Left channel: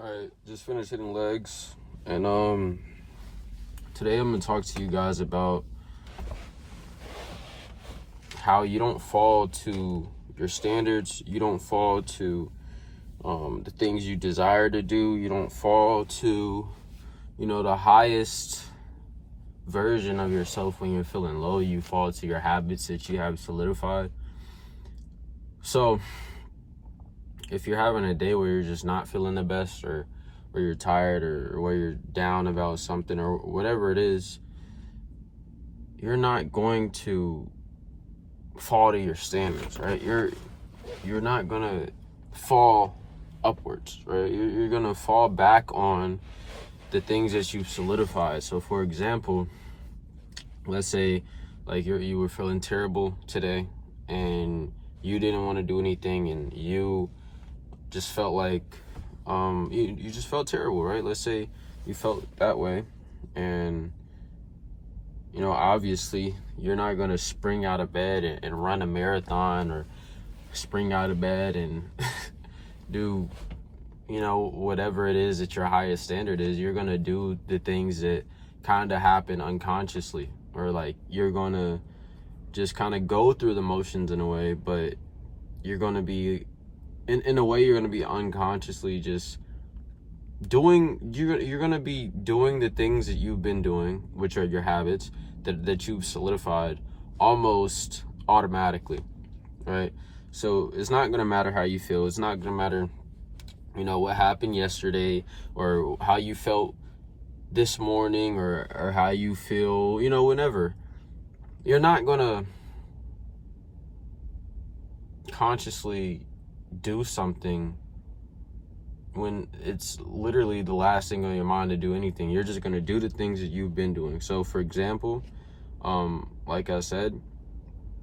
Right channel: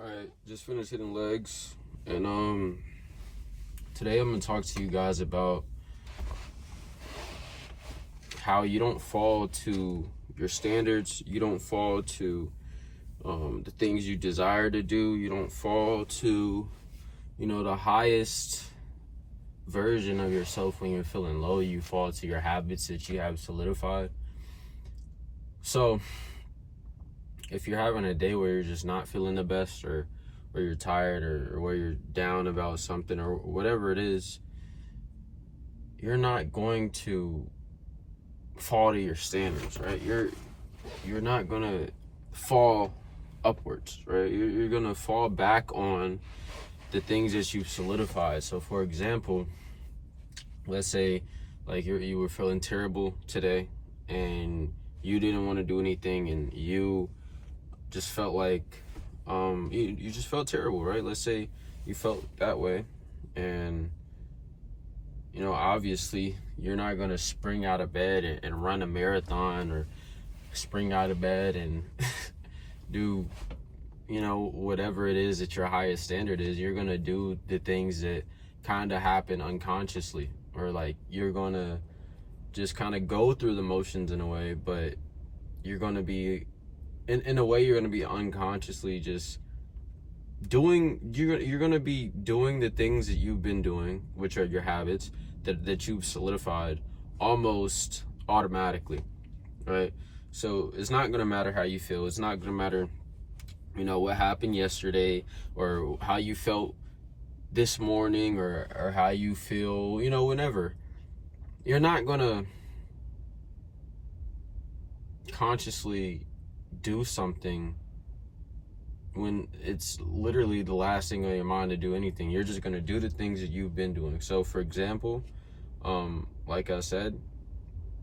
Alright, just finished hitting legs, and today I'm gonna talk to you guys about how you don't fall to your standards, you don't fall to the things you desire to do, you don't fall to, the highest version of yourself when you're feeling low. You fall to your habits that you have solidified. So if you're having a day where you're just not feeling the best, or where you're tired, or where you're down about something, or whatever it is, you're not going to fall to your standards, right? You're not gonna fall upwards, right? You're gonna fall back on the things that you've solidified. So for example, let's say like you were feeling terrible today and you didn't want to do anything, and you just felt like you just felt terrible, right? Let's say you felt that way, and obviously you're not gonna spring out of bed and run a marathon, or spring out of bed and do whatever it is that your highest standard is. You're gonna do the things that kind of happen unconsciously, or like you're gonna just kind of go through the motions in a way, but you're gonna be in a way, you're gonna be unconsciously just you're gonna be doing the things that you've been doing, which are your habits that you've solidified almost automatically, right? So it's not gonna matter how you feel. It's not gonna matter what happened yesterday, or how you felt this morning, or how you feel whenever. You're not gonna consciously do something when it's literally the last thing on your mind to do anything. You're just gonna do the things that you've been doing. So for example, like I said,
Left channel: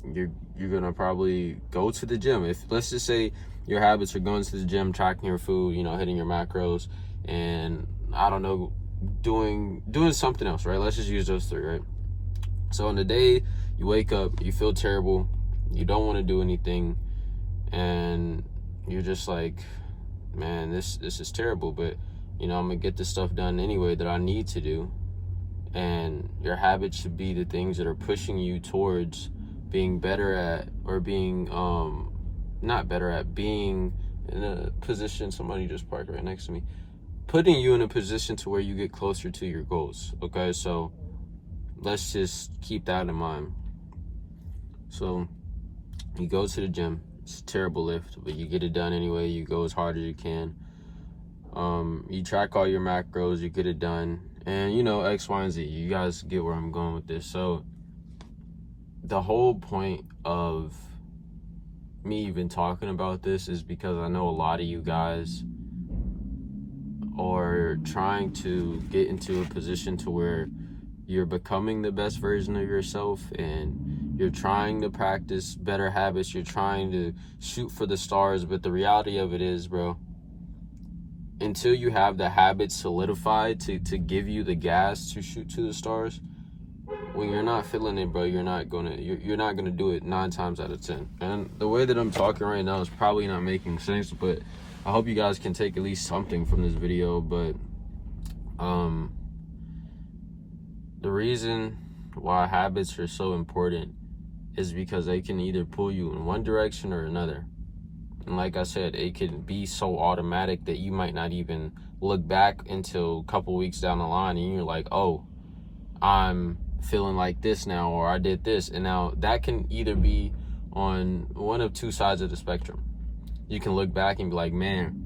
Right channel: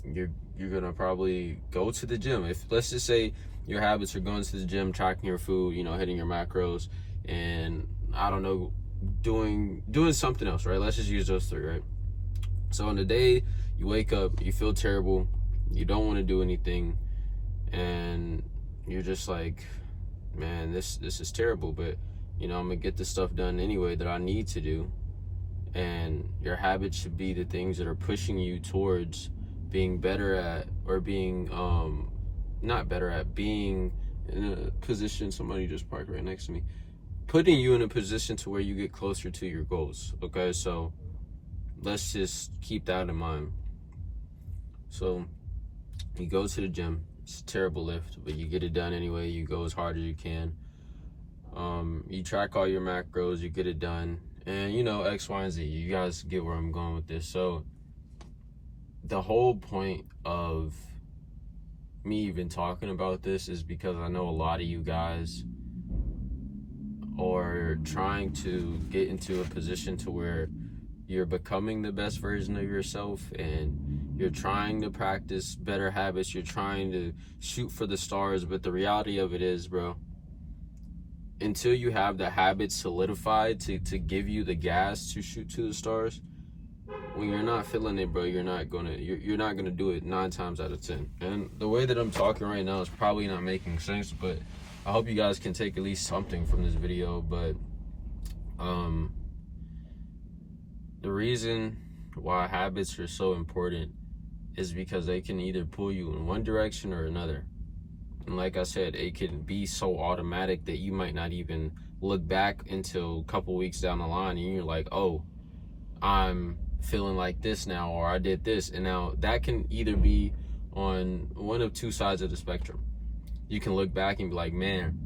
you're gonna probably go to the gym. If, let's just say, your habits are going to the gym, tracking your food, hitting your macros, and I don't know, doing something else, right? Let's just use those three, right? So on the day you wake up, you feel terrible, you don't want to do anything, and you're just like, man, this is terrible, but I'm gonna get this stuff done anyway that I need to do. And your habits should be the things that are pushing you towards being better at, or being not better at, being in a position. Somebody just parked right next to me, putting you in a position to where you get closer to your goals. Okay, so let's just keep that in mind. So you go to the gym. It's a terrible lift, but you get it done anyway. You go as hard as you can. You track all your macros, you get it done, and X, Y, and Z. You guys get where I'm going with this. So the whole point of me even talking about this is because I know a lot of you guys are trying to get into a position to where you're becoming the best version of yourself, and you're trying to practice better habits. You're trying to shoot for the stars, but the reality of it is, bro, until you have the habits solidified to give you the gas to shoot to the stars, when you're not feeling it, bro, you're not gonna do it 9 times out of 10. And the way that I'm talking right now is probably not making sense, but I hope you guys can take at least something from this video. But the reason why habits are so important is because they can either pull you in one direction or another. And like I said, it can be so automatic that you might not even look back until a couple weeks down the line, and you're like, oh, I'm feeling like this now, or I did this. And now that can either be on one of two sides of the spectrum. You can look back and be like, man,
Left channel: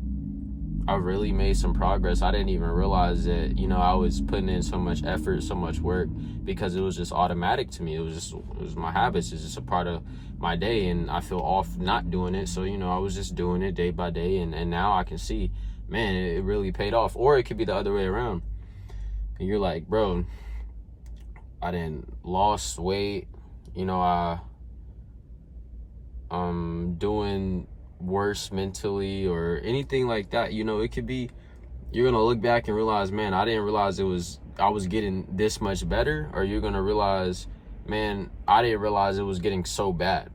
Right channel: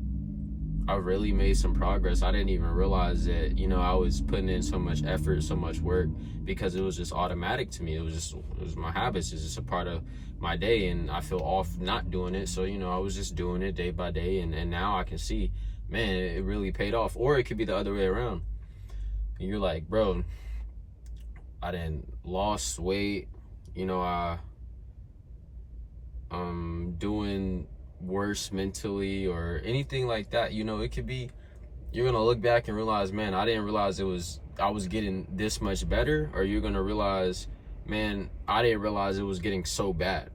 I really made some progress. I didn't even realize that, I was putting in so much effort, so much work, because it was just automatic to me. It was my habits. It's just a part of my day, and I feel off not doing it. So, I was just doing it day by day, and now I can see, man, it really paid off. Or it could be the other way around. And you're like, bro, I didn't lost weight, I'm doing worse mentally, or anything like that. It could be, you're gonna look back and realize, man, I didn't realize I was getting this much better. Or you're gonna realize, man, I didn't realize it was getting so bad.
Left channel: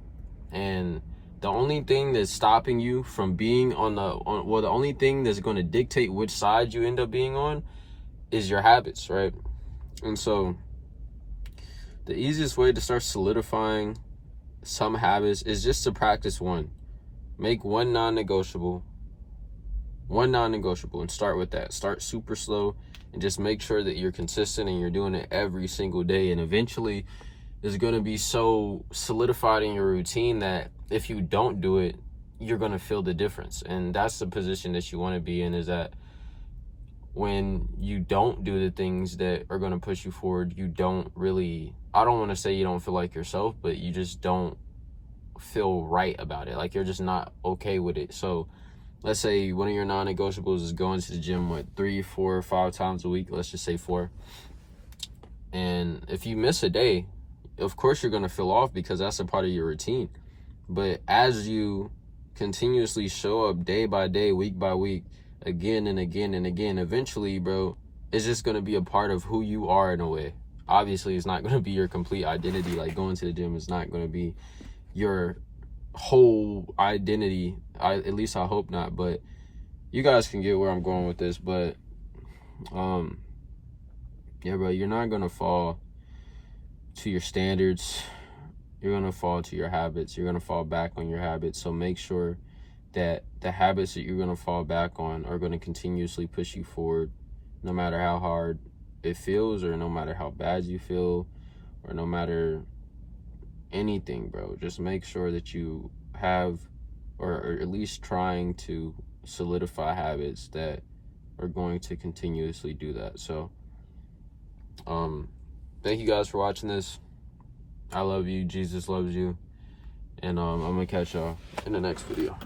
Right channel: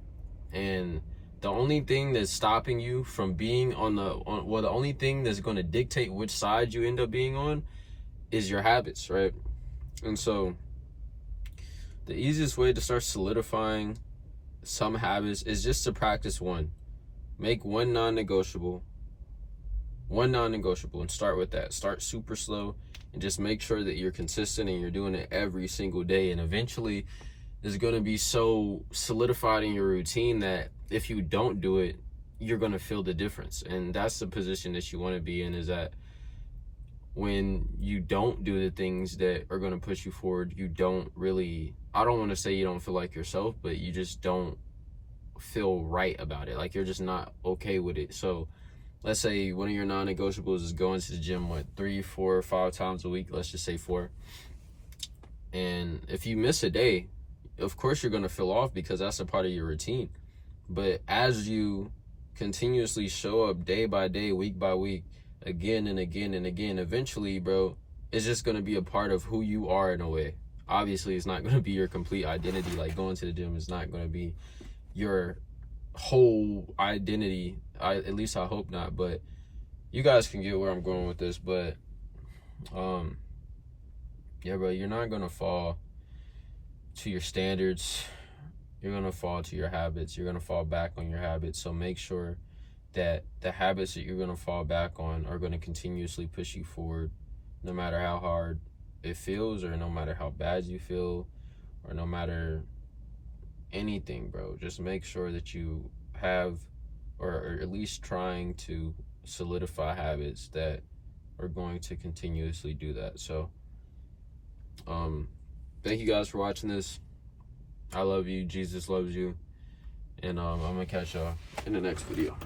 And The only thing that's stopping you from being the only thing that's going to dictate which side you end up being on is your habits, right? And so the easiest way to start solidifying some habits is just to practice one. Make one non-negotiable, and start with that. Start super slow and just make sure that you're consistent and you're doing it every single day. And eventually it's going to be so solidified in your routine that if you don't do it, you're going to feel the difference. And that's the position that you want to be in, is that when you don't do the things that are going to push you forward, you don't really, I don't want to say you don't feel like yourself, but you just don't feel right about it. Like, you're just not okay with it. So let's say one of your non-negotiables is going to the gym, 3, 4, 5 times a week. Let's just say 4. And if you miss a day, of course you're going to feel off because that's a part of your routine. But as you continuously show up day by day, week by week, again and again and again, eventually, bro, it's just going to be a part of who you are in a way. Obviously, it's not going to be your complete identity. Like, going to the gym is not going to be your whole identity. At least I hope not. But you guys can get where I'm going with this. But yeah, bro, you're not going to fall to your standards. You're going to fall to your habits. You're going to fall back on your habits. So make sure that the habits that you're going to fall back on are going to continuously push you forward, no matter how hard it feels, or no matter how bad you feel, or no matter anything, bro. Just make sure that you have, or at least trying to solidify habits that are going to continuously do that. So thank you guys for watching this. I love you. Jesus loves you. And I'm gonna catch y'all in the next video.